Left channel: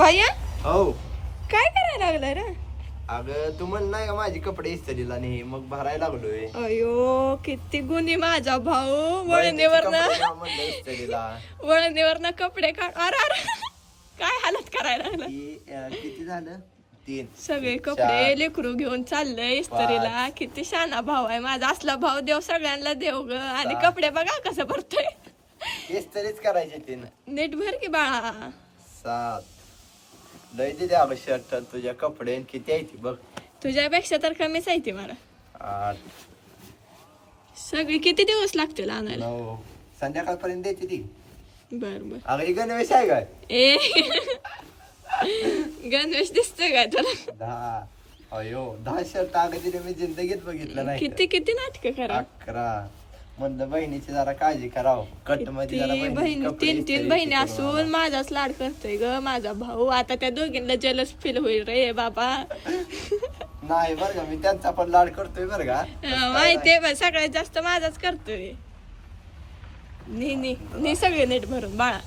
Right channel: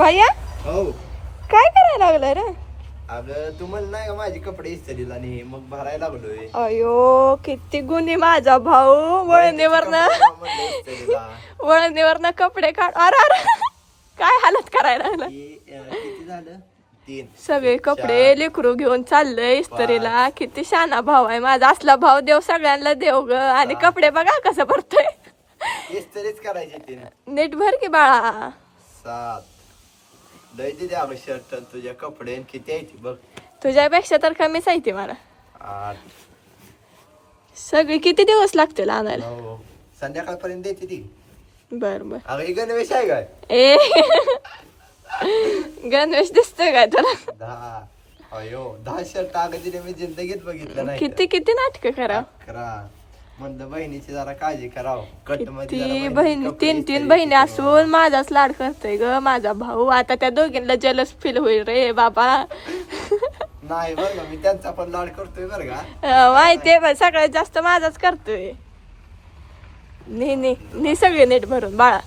भैया हो काय करायला लागलाय रे? अगं तू म्हण नाही का माझे कपडे इस्त्रीला नाही मग भरायला लागलोय. अयो किती गुन्हे माझा भाऊ. वळणीवरनं कपडे काढ. अरे अरे काय हालत करायला लागला. किती झालं 3 सगळे कपडे लेकरू घेऊन चाललंय इस्त्रीला. किती शाना भाऊ आहे माझा. असला भाऊ देव सगळ्यांना देव ग. आणि कपडे बघा कसं भरतोय. इस्त्रीच करायचे 3 नीट भर की बाळा. 7 लय दिले अगं शर्ट तुझ्या कपडे किती आहे ती बघ. तुझ्यापेक्षा तर कमीच आहे ती मला. 8 सगळी किती दिवस लागतील आणायला? 9 संध्याकाळपर्यंत देते ती. बर बर. अगं ही गणवेश आहे काय? ए गणवेश दिसतोय काय तुला? 10 अयो 10 शर्ट अगं दिले मी जिंदगीत बघितलं नाही. किती किती नाटक करा. 11 म्हणलं बहिणीची जरा काळजी करावं. कट मध्ये जरा ती बहिणीचे बहीण कपडे 3 इस्त्री बहिणी करून असून माझाच लाड करतोय ग माझा भाऊ. आता त्या दोघींना जलस फील होईल रे बाबा. नाही बरं का मी त्यांचा पण लाड करतोय बरं का. माहितीये पण सगळ्यात जास्त माझाच करतोय. नी सगळे नीट भरून बाळा.